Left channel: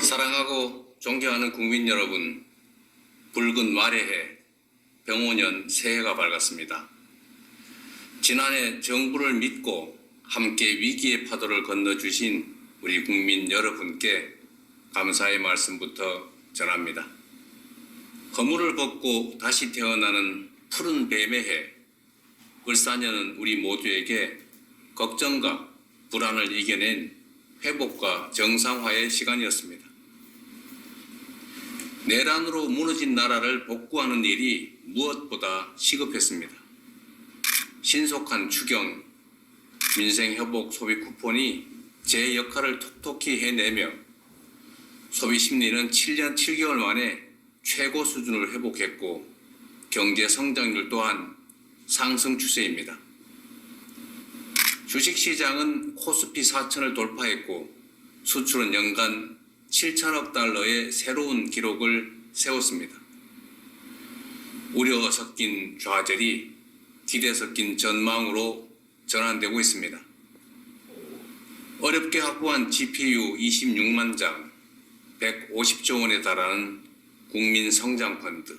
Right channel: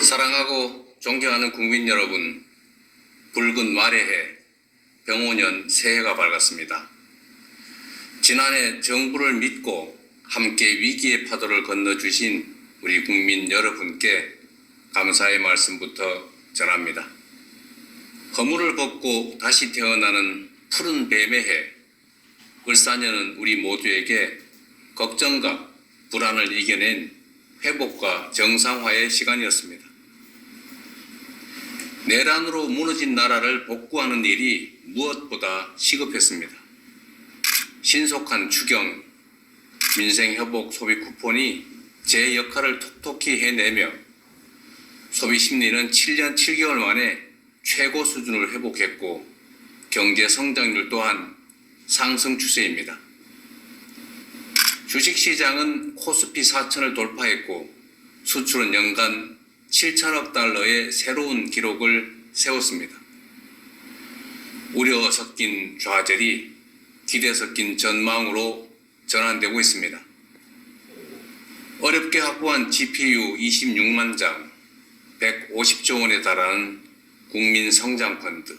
사랑하고 존경하는 국민 여러분, 붉은 말의 해, 병오년 새해가 밝았습니다. 지난해 정부를 믿고 함께 위기의 파도를 건너주신 우리 국민 여러분께 감사의 말씀부터 전합니다. 허물을 벗고 다시 태어나는 푸른 뱀의 해, 을사년은 우리 모두에게 걱정과 불안을 이겨낸 회복과 정상화의 시간이었습니다. 내란으로 무너진 나라를 복구하는 일이 무엇보다 시급했습니다. 신속한 추경, 민생회복 소비 쿠폰이 제 역할을 톡톡히 해내며 소비 심리는 7년 7개월 만에 최고 수준을 회복했고 경제 성장률 또한 상승 추세입니다. 주식시장은 코스피 4천을 돌파했고 수출은 연간 7천억 달러의 새로운 기록을 세웠습니다. 우려 섞인 좌절이 기대 섞인 전망으로 전환되고 있습니다. 어렵게 확보한 GPU 26만 장, 150조 원에 달하는 국민성장펀드,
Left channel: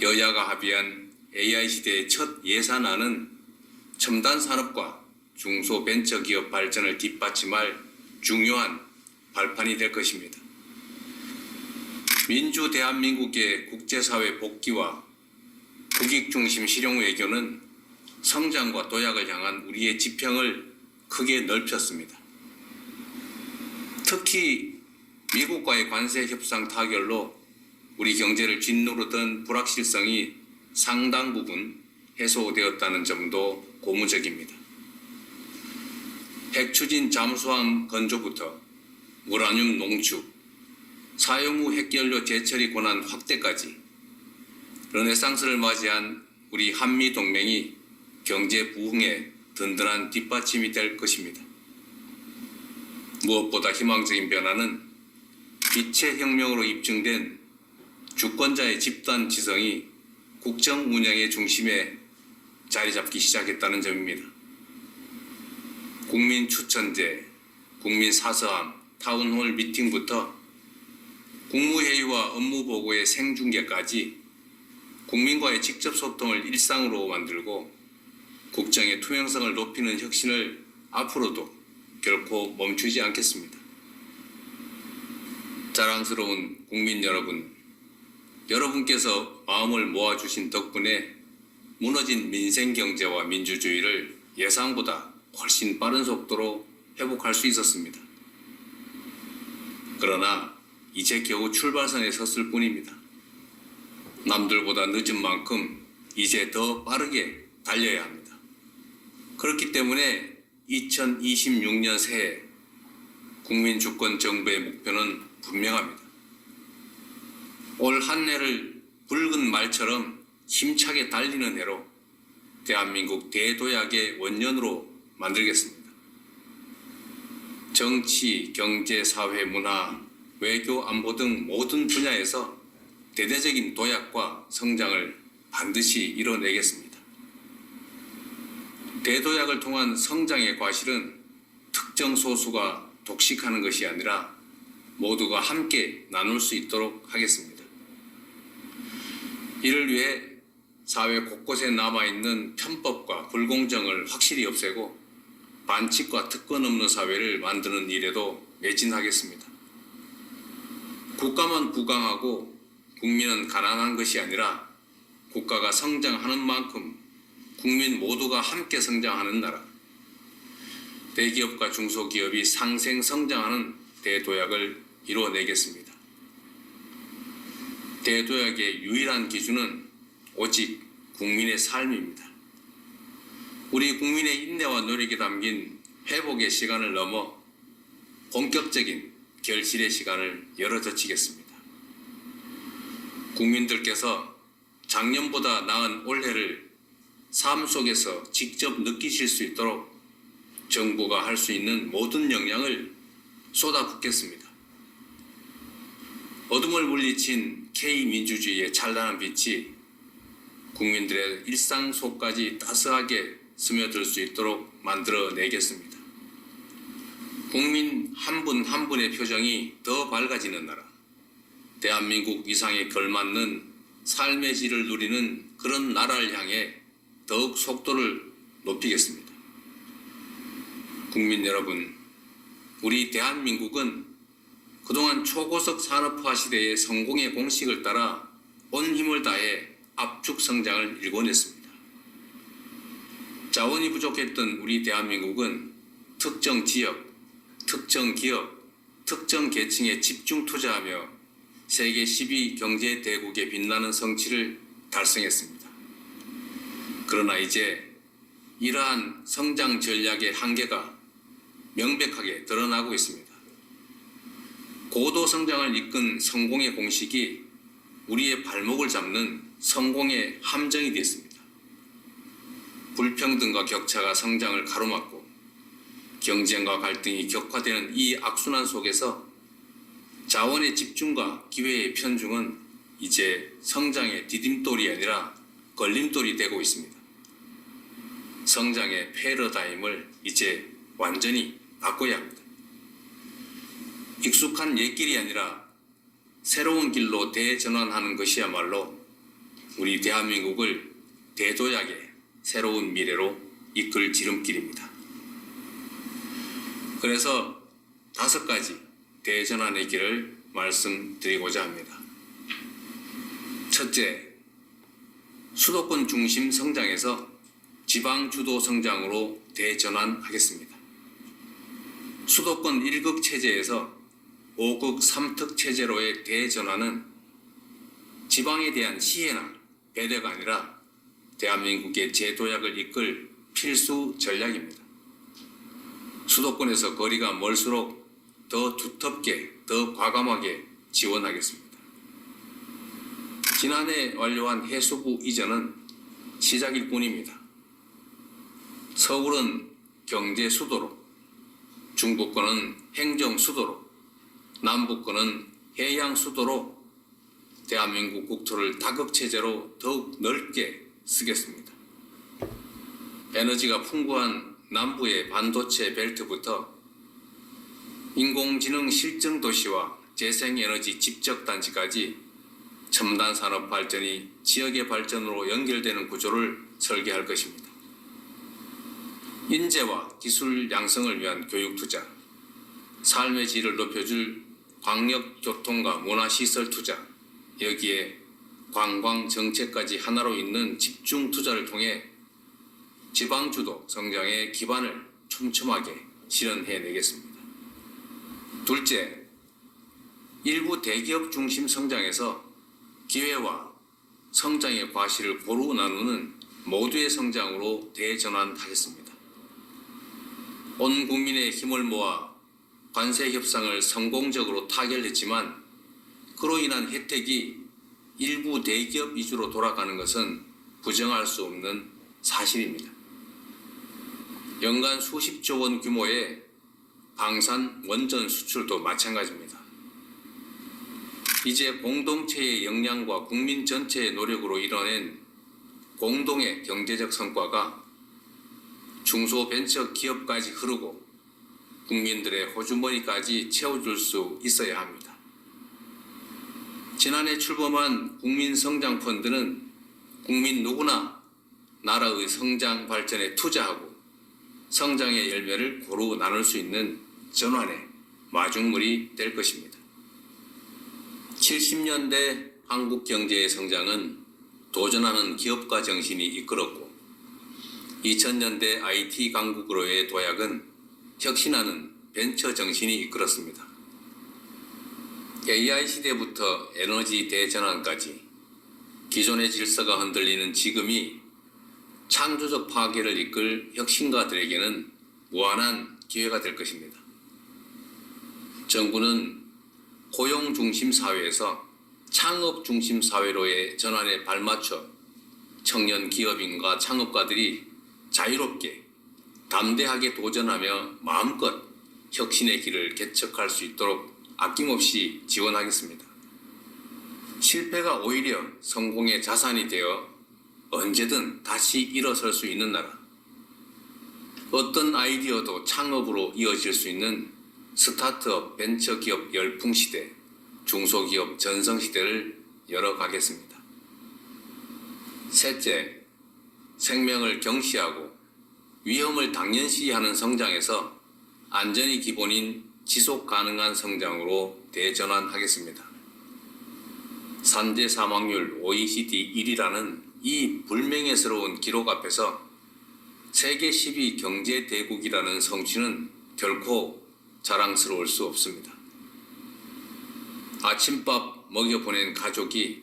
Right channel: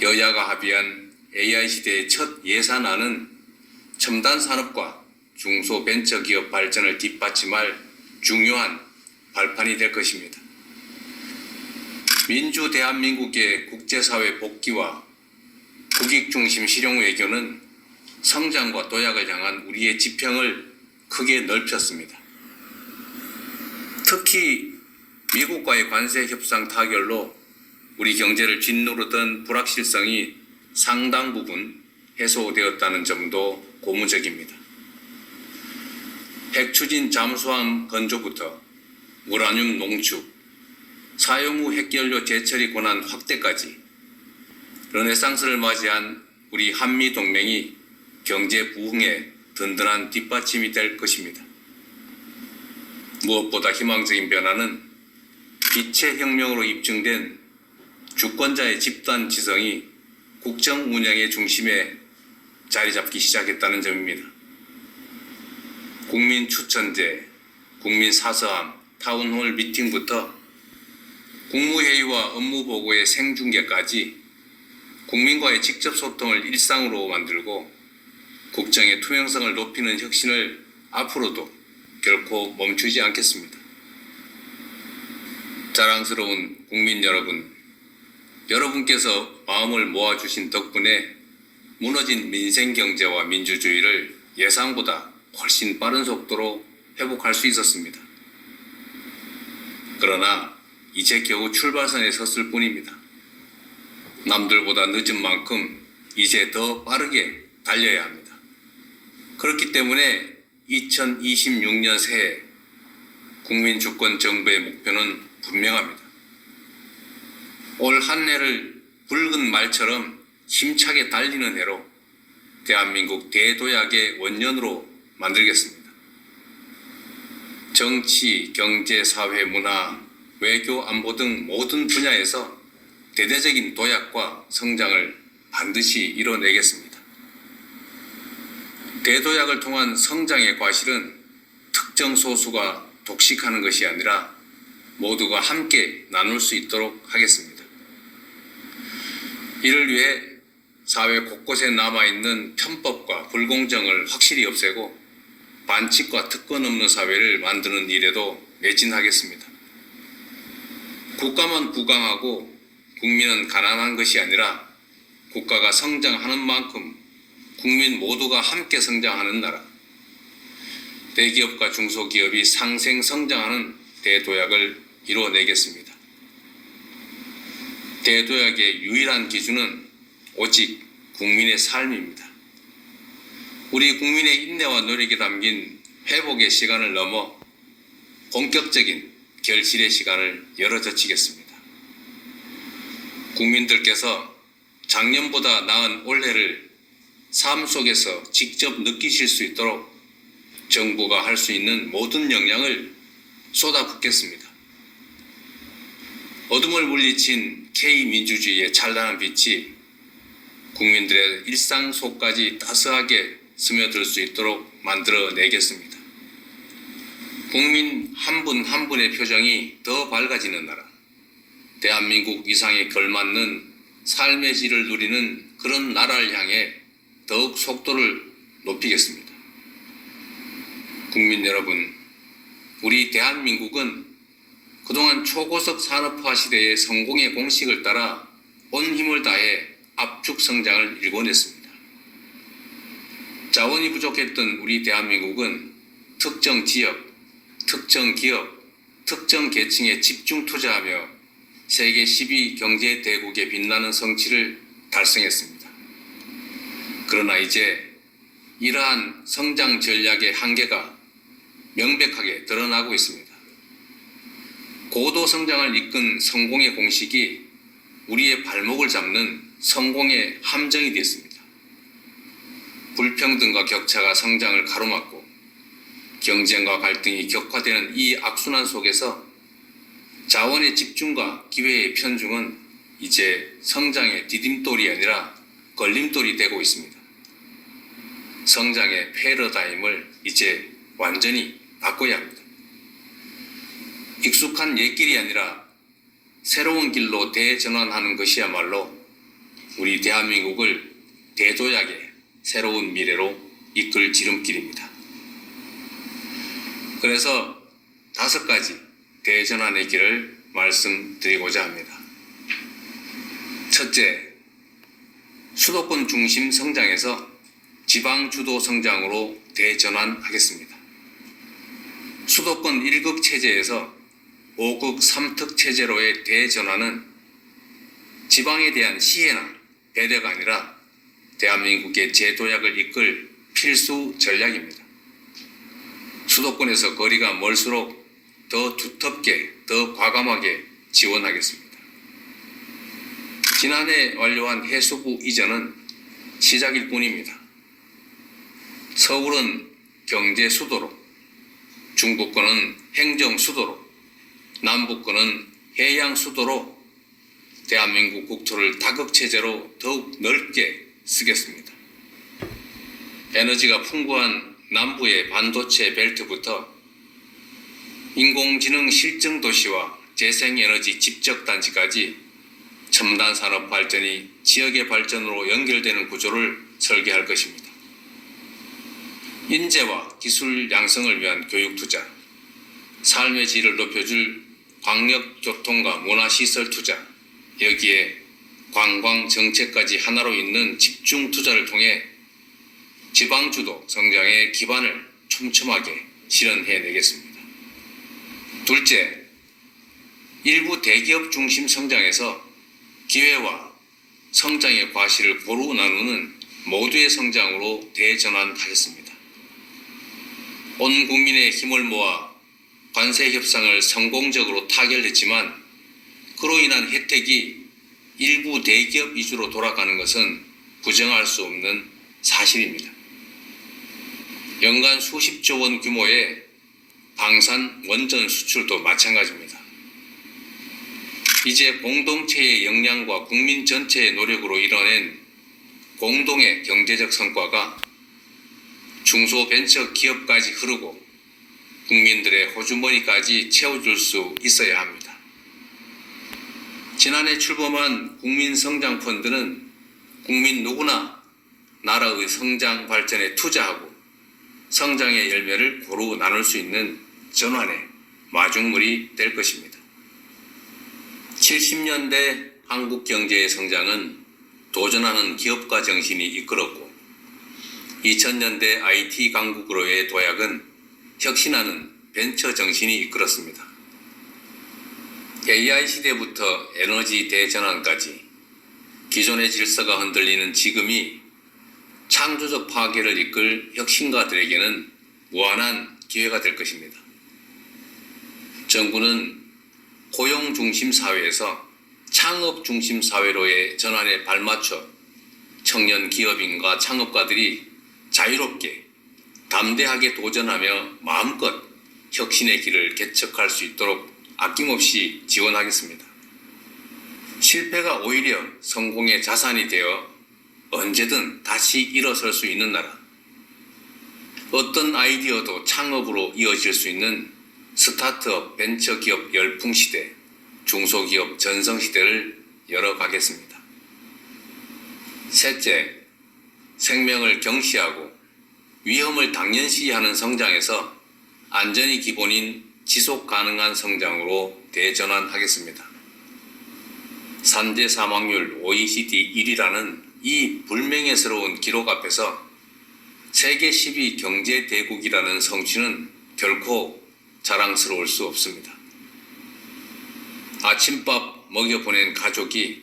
여야가 합의한 AI 시대의 첫 예산안은 첨단 산업과 중소벤처기업 발전을 뒷받침할 중요한 발판이 될 것입니다. 민주 대한민국의 국제사회 복귀와 국익중심 실용 외교는 성장과 도약을 향한 우리의 지평을 크게 넓혔습니다. 특히 미국과의 관세 협상 타결로 우리 경제를 짓누르던 불확실성이 상당 부분 해소되었다는 점도 고무적입니다. 핵추진 잠수함 건조부터 우라늄 농축, 사용 후 핵연료 재처리 권한 확대까지 르네상스를 맞이한 우리 한미 동맹이 경제 부흥에 든든한 뒷받침이 될 것입니다. 무엇보다 희망적인 변화는 빛의 혁명으로 입증된 주권자의 집단 지성이 국정 운영의 중심에 자리 잡기 시작했다는 점입니다. 국민 추천제, 국민 사서함, 타운홀 미팅부터 국무회의와 업무보고의 생중계까지 국민과의 직접 소통을 일상으로 만들고 국정의 투명성을 높이는 혁신을 앞으로도 결코 멈추지 않겠습니다. 자랑스러운 국민 여러분, 여러분께서 마음을 모아주신 덕분에 무너진 민생경제와 민주주의를 예상보다 훨씬 빠른 속도로 회복할 수 있었습니다. 그러나 이제 겨우 출발선에 섰을 뿐입니다. 남들보다 늦은 만큼 이제 더 빠르게 달려야 합니다. 그렇기 때문에 2026년 새해 국민주권 정부의 목표는 분명합니다. 올 한 해를 붉은 말처럼 힘차게 달리는 해로 대한민국 대도약의 원년으로 만들겠습니다. 정치, 경제, 사회, 문화, 외교, 안보 등 모든 분야에서 대대적인 도약과 성장을 반드시 이뤄내겠습니다. 대도약을 통한 성장의 과실은 특정 소수가 독식하는 것이 아니라 모두가 함께 나눌 수 있도록 하겠습니다. 이를 위해 사회 곳곳에 남아있는 편법과 불공정을 확실히 없애고 반칙과 특권 없는 사회를 만드는 일에도 매진하겠습니다. 국가만 부강하고 국민은 가난한 것이 아니라 국가가 성장하는 만큼 국민 모두가 함께 성장하는 나라, 대기업과 중소기업이 상생 성장하는 대도약을 이루어내겠습니다. 대도약의 유일한 기준은 오직 국민의 삶입니다. 우리 국민의 인내와 노력이 담긴 회복의 시간을 넘어 본격적인 결실의 시간을 열어젖히겠습니다. 국민들께서 작년보다 나은 올해를 삶 속에서 직접 느끼실 수 있도록 정부가 할 수 있는 모든 역량을 쏟아붓겠습니다. 어둠을 물리친 K민주주의의 찬란한 빛이 국민들의 일상 속까지 따스하게 스며들 수 있도록 만들어내겠습니다. 국민 한 분 한 분의 표정이 더 밝아지는 나라, 대한민국 이상에 걸맞는 삶의 질을 누리는 그런 나라를 향해 더욱 속도를 높이겠습니다. 국민 여러분, 우리 대한민국은 그동안 초고속 산업화 시대의 성공의 공식을 따라 온 힘을 다해 압축 성장을 일궈냈습니다. 자원이 부족했던 우리 대한민국은 특정 지역, 특정 기업, 특정 계층에 집중 투자하며 세계 10위 경제 대국에 빛나는 성취를 달성했습니다. 그러나 이제 이러한 성장 전략의 한계가 명백하게 드러나고 있습니다. 고도 성장을 이끈 성공의 공식이 우리의 발목을 잡는 성공의 함정이 되었습니다. 불평등과 격차가 성장을 가로막고 경쟁과 갈등이 격화되는 이 악순환 속에서 자원의 집중과 기회의 편중은 이제 성장의 디딤돌이 아니라 걸림돌이 되고 있습니다. 성장의 패러다임을 이제 완전히 바꿔야 합니다. 익숙한 옛길이 아니라 새로운 길로 대전환하는 것이야말로 우리 대한민국을 대도약의 새로운 미래로 이끌 지름길입니다. 그래서 5가지 대전환의 길을 말씀드리고자 합니다. 첫째, 수도권 중심 성장에서 지방 주도 성장으로 대전환하겠습니다. 수도권 1극 체제에서 5극 3특 체제로의 대전환은 지방에 대한 시혜나 배려가 아니라 대한민국의 재도약을 이끌 필수 전략입니다. 수도권에서 거리가 멀수록 더 두텁게, 더 과감하게 지원하겠습니다. 지난해 완료한 해수부 이전은 시작일 뿐입니다. 서울은 경제 수도로, 중부권은 행정 수도로, 남부권은 해양 수도로 대한민국 국토를 다극체제로 더욱 넓게 쓰겠습니다. 에너지가 풍부한 남부의 반도체 벨트부터 인공지능 실증 도시와 재생에너지 집적단지까지 첨단 산업 발전이 지역의 발전으로 연결되는 구조를 설계할 것입니다. 인재와 기술 양성을 위한 교육 투자, 삶의 질을 높여줄 광역 교통과 문화시설 투자, 여기에 관광 정책까지 하나로 잇는 집중 투자를 통해 지방주도 성장의 기반을 촘촘하게 실현해내겠습니다. 둘째, 일부 대기업 중심 성장에서 기회와 성장의 과실을 고루 나누는 모두의 성장으로 대전환하겠습니다. 온 국민의 힘을 모아 관세 협상을 성공적으로 타결했지만 그로 인한 혜택이 일부 대기업 위주로 돌아가는 것은 부정할 수 없는 사실입니다. 연간 수십조 원 규모의 방산 원전 수출도 마찬가지입니다. 이제 공동체의 역량과 국민 전체의 노력으로 이뤄낸 공동의 경제적 성과가 중소벤처 기업까지 흐르고 국민들의 호주머니까지 채워줄 수 있어야 합니다. 지난해 출범한 국민성장펀드는 국민 누구나 나라의 성장 발전에 투자하고 성장의 열매를 고루 나눌 수 있는 전환의 마중물이 될 것입니다. 70년대 한국 경제의 성장은 도전하는 기업가 정신이 이끌었고 2000년대 IT 강국으로의 도약은 혁신하는 벤처 정신이 이끌었습니다. AI 시대부터 에너지 대전환까지 기존의 질서가 흔들리는 지금이 창조적 파괴를 이끌 혁신가들에게는 무한한 기회가 될 것입니다. 정부는 고용 중심 사회에서 창업 중심 사회로의 전환에 발맞춰 청년 기업인과 창업가들이 자유롭게 담대하게 도전하며 마음껏 혁신의 길을 개척할 수 있도록 아낌없이 지원하겠습니다. 실패가 오히려 성공의 자산이 되어 언제든 다시 일어설 수 있는 나라, 어떤 아이디어도 창업으로 이어질 수 있는 스타트업 벤처기업 열풍시대, 중소기업 전성시대를 열어가겠습니다. 셋째, 생명을 경시하고 위험을 당연시하는 성장에서 안전이 기본인 지속 가능한 성장으로 대전환하겠습니다. 산재 사망률 OECD 1위라는 이 불명예스러운 기록 앞에서 세계 10위 경제 대국이라는 성취는 결코 자랑스러울 수 없습니다. 아침밥 먹여보낸 가족이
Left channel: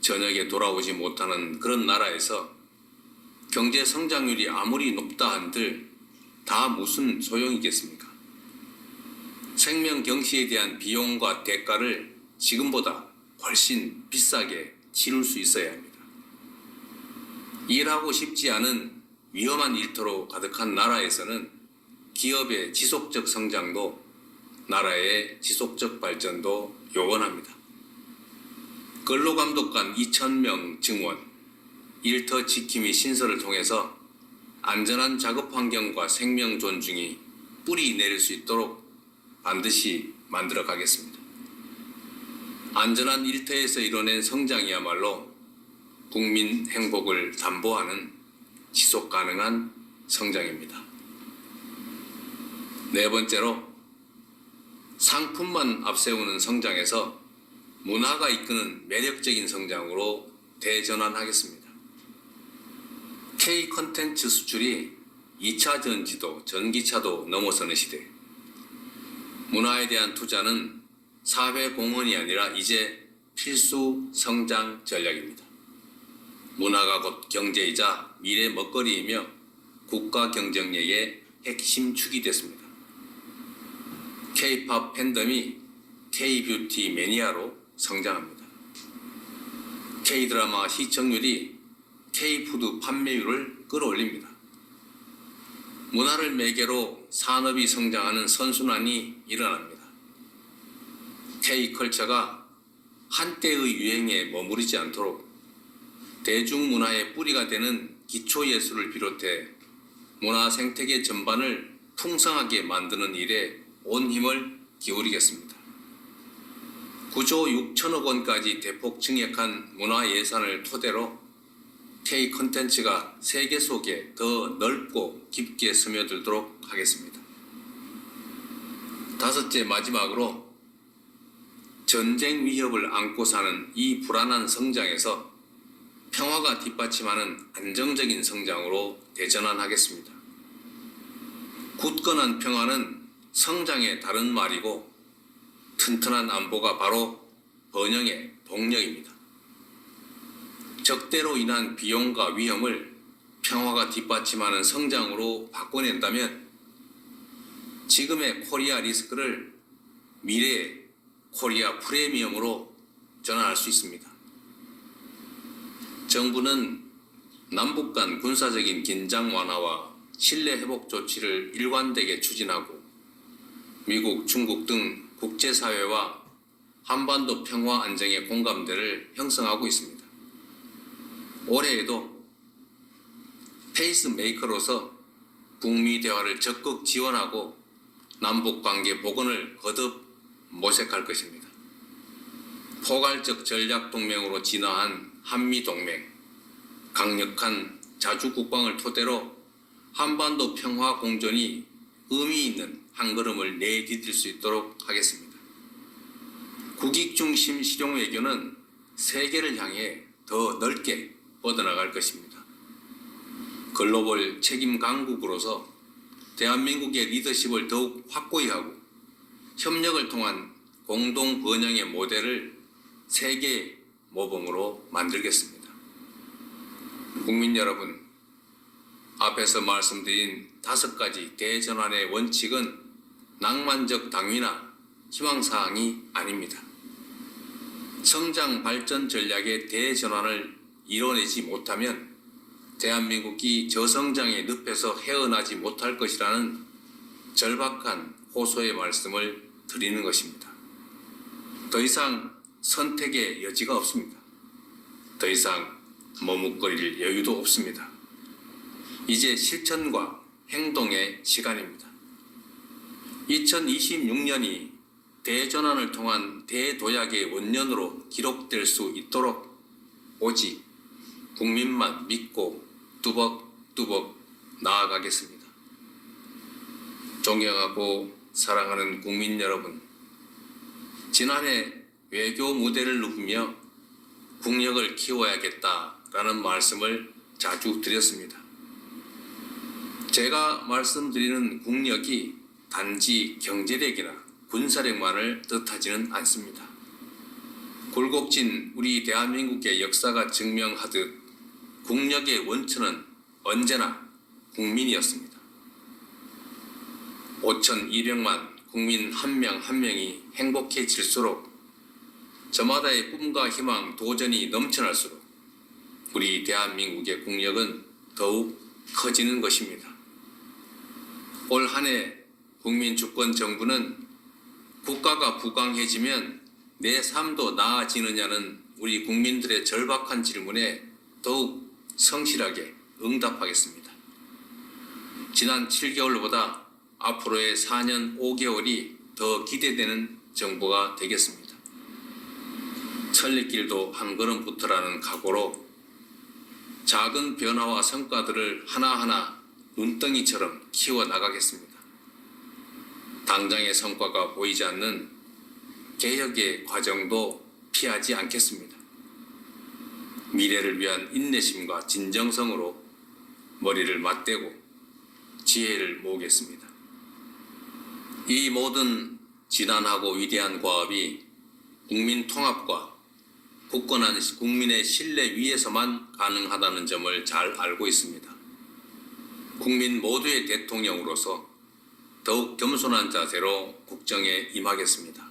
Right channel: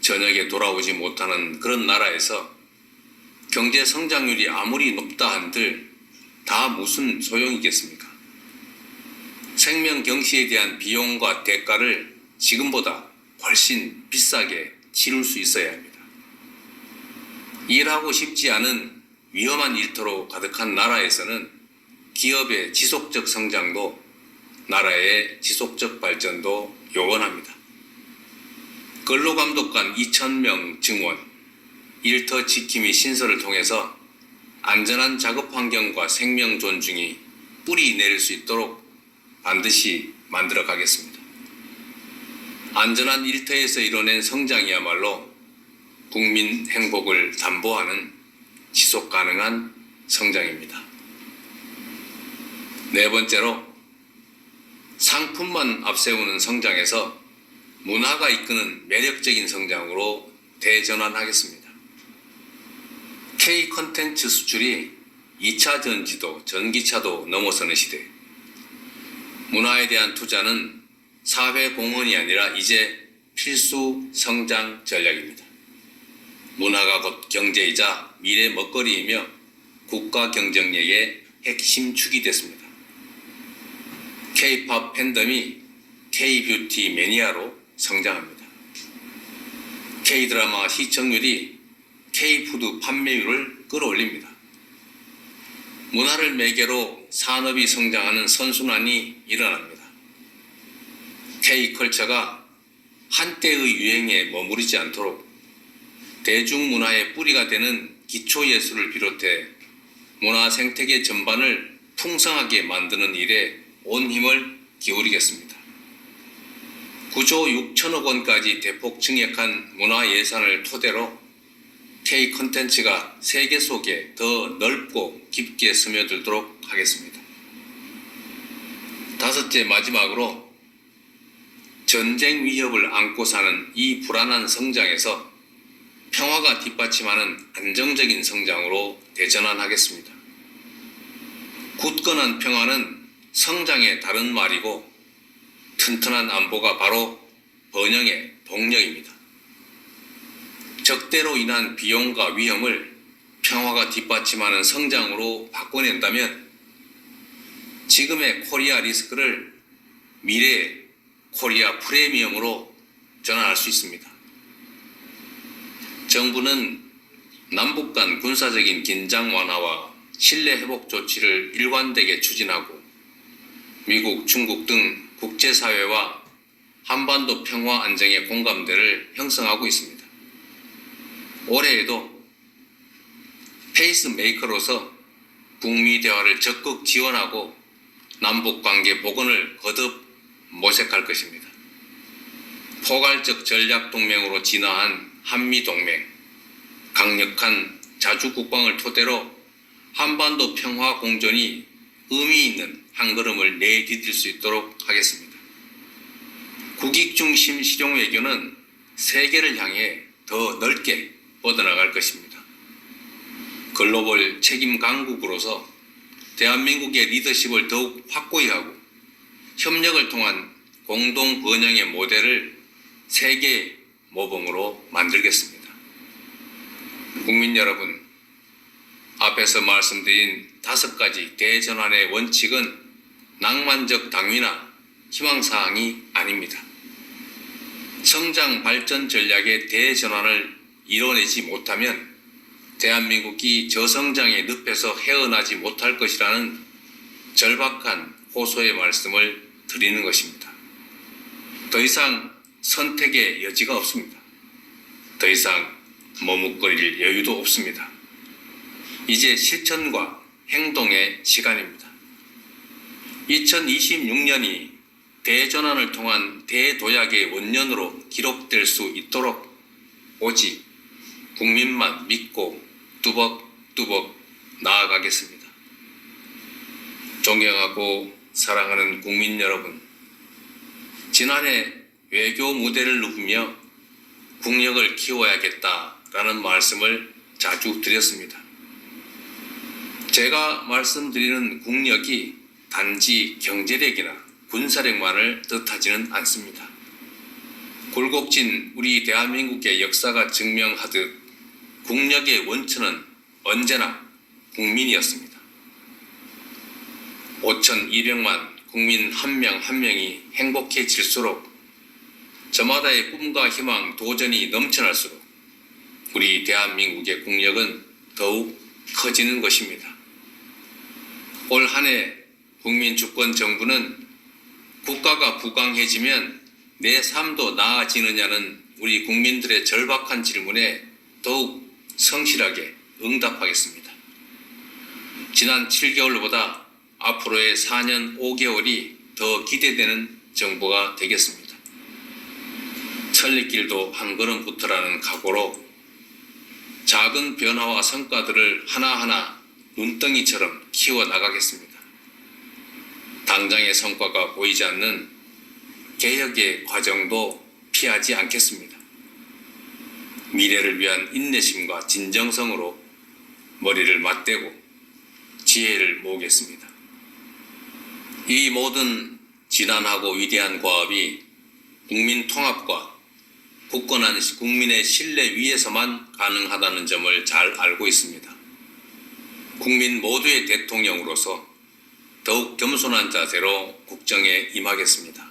저녁에 돌아오지 못하는 그런 나라에서 경제 성장률이 아무리 높다 한들 다 무슨 소용이겠습니까? 생명 경시에 대한 비용과 대가를 지금보다 훨씬 비싸게 치룰 수 있어야 합니다. 일하고 싶지 않은 위험한 일터로 가득한 나라에서는 기업의 지속적 성장도 나라의 지속적 발전도 요원합니다. 근로감독관 2,000명 증원, 일터 지킴이 신설을 통해서 안전한 작업 환경과 생명 존중이 뿌리 내릴 수 있도록 반드시 만들어 가겠습니다. 안전한 일터에서 이뤄낸 성장이야말로 국민 행복을 담보하는 지속 가능한 성장입니다. 네 번째로, 상품만 앞세우는 성장에서 문화가 이끄는 매력적인 성장으로 대전환하겠습니다. K 콘텐츠 수출이 2차 전지도 전기차도 넘어서는 시대. 문화에 대한 투자는 사회 공헌이 아니라 이제 필수 성장 전략입니다. 문화가 곧 경제이자 미래 먹거리이며 국가 경쟁력의 핵심 축이 됐습니다. K-팝 팬덤이 K-뷰티 매니아로 성장합니다. K-드라마 시청률이 K-푸드 판매율을 끌어올립니다. 문화를 매개로 산업이 성장하는 선순환이 일어납니다. K-컬처가 한때의 유행에 머무르지 않도록 대중문화의 뿌리가 되는 기초예술을 비롯해 문화 생태계 전반을 풍성하게 만드는 일에 온 힘을 기울이겠습니다. 9조 6천억 원까지 대폭 증액한 문화 예산을 토대로 K 콘텐츠가 세계 속에 더 넓고 깊게 스며들도록 하겠습니다. 다섯째, 마지막으로 전쟁 위협을 안고 사는 이 불안한 성장에서 평화가 뒷받침하는 안정적인 성장으로 대전환하겠습니다. 굳건한 평화는 성장의 다른 말이고 튼튼한 안보가 바로 번영의 동력입니다. 적대로 인한 비용과 위험을 평화가 뒷받침하는 성장으로 바꿔낸다면 지금의 코리아 리스크를 미래의 코리아 프리미엄으로 전환할 수 있습니다. 정부는 남북 간 군사적인 긴장 완화와 신뢰 회복 조치를 일관되게 추진하고 미국, 중국 등 국제사회와 한반도 평화 안정의 공감대를 형성하고 있습니다. 올해에도 페이스메이커로서 북미 대화를 적극 지원하고 남북 관계 복원을 거듭 모색할 것입니다. 포괄적 전략 동맹으로 진화한 한미 동맹, 강력한 자주 국방을 토대로 한반도 평화 공존이 의미 있는 한 걸음을 내디딜 수 있도록 하겠습니다. 국익 중심 실용 외교는 세계를 향해 더 넓게 뻗어나갈 것입니다. 글로벌 책임 강국으로서 대한민국의 리더십을 더욱 확고히 하고 협력을 통한 공동 번영의 모델을 세계 모범으로 만들겠습니다. 국민 여러분, 앞에서 말씀드린 5가지 대전환의 원칙은 낭만적 당위나 희망사항이 아닙니다. 성장 발전 전략의 대전환을 이뤄내지 못하면 대한민국이 저성장의 늪에서 헤어나지 못할 것이라는 절박한 호소의 말씀을 드리는 것입니다. 더 이상 선택의 여지가 없습니다. 더 이상 머뭇거릴 여유도 없습니다. 이제 실천과 행동의 시간입니다. 2026년이 대전환을 통한 대도약의 원년으로 기록될 수 있도록 오직 국민만 믿고 뚜벅뚜벅 나아가겠습니다. 존경하고 사랑하는 국민 여러분, 지난해 외교 무대를 누비며 국력을 키워야겠다라는 말씀을 자주 드렸습니다. 제가 말씀드리는 국력이 단지 경제력이나 군사력만을 뜻하지는 않습니다. 굴곡진 우리 대한민국의 역사가 증명하듯 국력의 원천은 언제나 국민이었습니다. 5,200만 국민 한 명 한 명이 행복해질수록 저마다의 꿈과 희망, 도전이 넘쳐날수록 우리 대한민국의 국력은 더욱 커지는 것입니다. 올 한 해 국민주권정부는 국가가 부강해지면 내 삶도 나아지느냐는 우리 국민들의 절박한 질문에 더욱 성실하게 응답하겠습니다. 지난 7개월보다 앞으로의 4년 5개월이 더 기대되는 정부가 되겠습니다. 천리길도 한 걸음부터라는 각오로 작은 변화와 성과들을 하나하나 눈덩이처럼 키워나가겠습니다. 당장의 성과가 보이지 않는 개혁의 과정도 피하지 않겠습니다. 미래를 위한 인내심과 진정성으로 머리를 맞대고 지혜를 모으겠습니다. 이 모든 진한하고 위대한 과업이 국민 통합과 굳건한 국민의 신뢰 위에서만 가능하다는 점을 잘 알고 있습니다. 국민 모두의 대통령으로서 더욱 겸손한 자세로 국정에 임하겠습니다.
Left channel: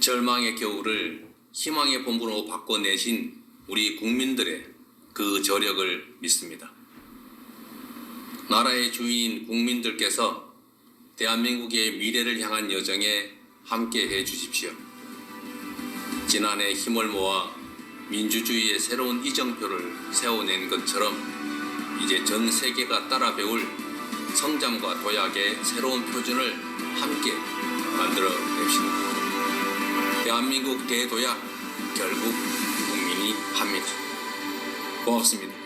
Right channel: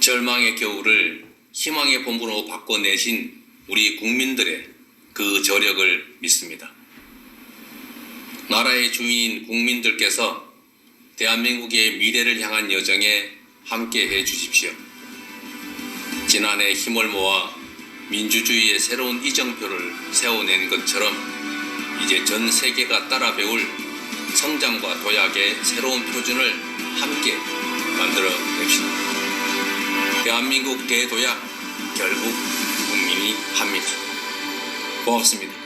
절망의 겨울을 희망의 봄으로 바꿔내신 우리 국민들의 그 저력을 믿습니다. 나라의 주인인 국민들께서 대한민국의 미래를 향한 여정에 함께 해 주십시오. 지난해 힘을 모아 민주주의의 새로운 이정표를 세워낸 것처럼 이제 전 세계가 따라 배울 성장과 도약의 새로운 표준을 함께 만들어 냅시다. 대한민국 대도약 결국 국민이 합니다. 고맙습니다.